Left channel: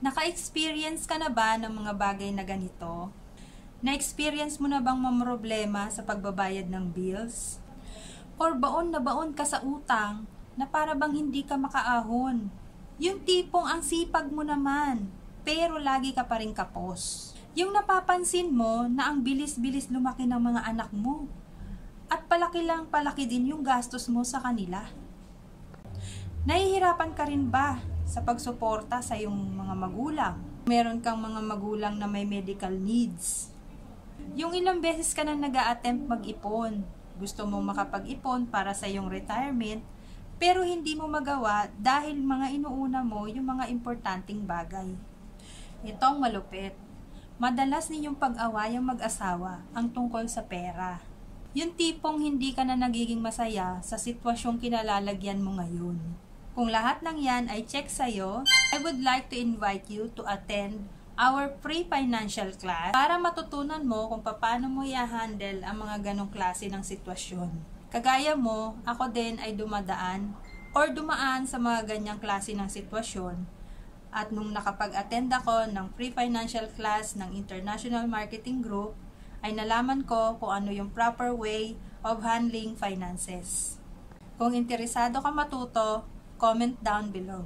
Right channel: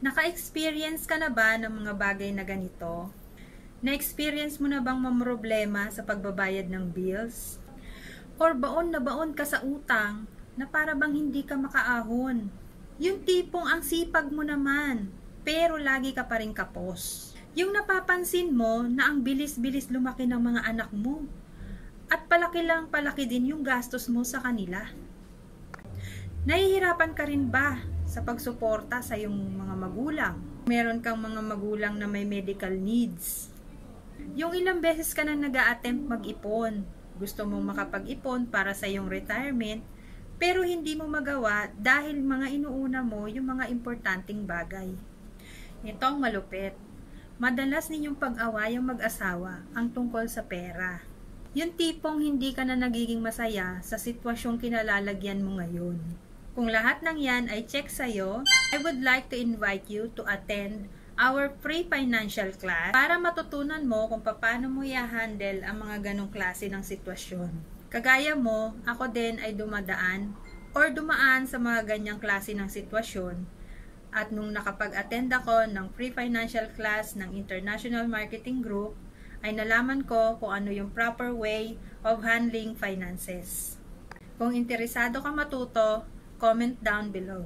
Naka-experience ka na ba ng mga bagay na ganito? Na-experience mo na bang mamroblema sa pagbabayad ng bills? Or baon na baon ka sa utang na para bang hindi ka makaahon? Yung tipong ang sipag mo naman, pero lagi ka pa rin kapos. Yung napapansin mo na ang bilis-bilis lumaki ng mga anak mo. At palaki lang palaki din yung gastos mo sa kanila. Nahihirapan ka rin ba sa pagsuporta sa iyong mga magulang? Meron kang mga magulang na may medical needs. Yung ilang beses ka na nag-a-attempt mag-ipon. Gusto mo makapag-ipon para sa iyong retirement, pero hindi mo magawa dahil mga inuuna mo yung mga importanteng bagay. Ito ang malupit. Madalas ninyong pag-away ang mag-asawa ang tungkol sa pera. Yung tipong hindi ka na nagiging masaya sa sitwasyong kinalalagyan mo ngayon. Kung lahat ng yan ay check sa'yo, I would like to invite you to attend our free financial class para matutunan mo kung paano mo i-handle ang mga ganong klase ng sitwasyon. Kagaya mo, ako din ay dumaan sa mga ganyang klase ng sitwasyon. At nung nakapag-attend ako ng free financial class ng International Marketing Group, ay nalaman ko kung ano yung proper way of handling finances. Kung interesado ka matuto, comment down below.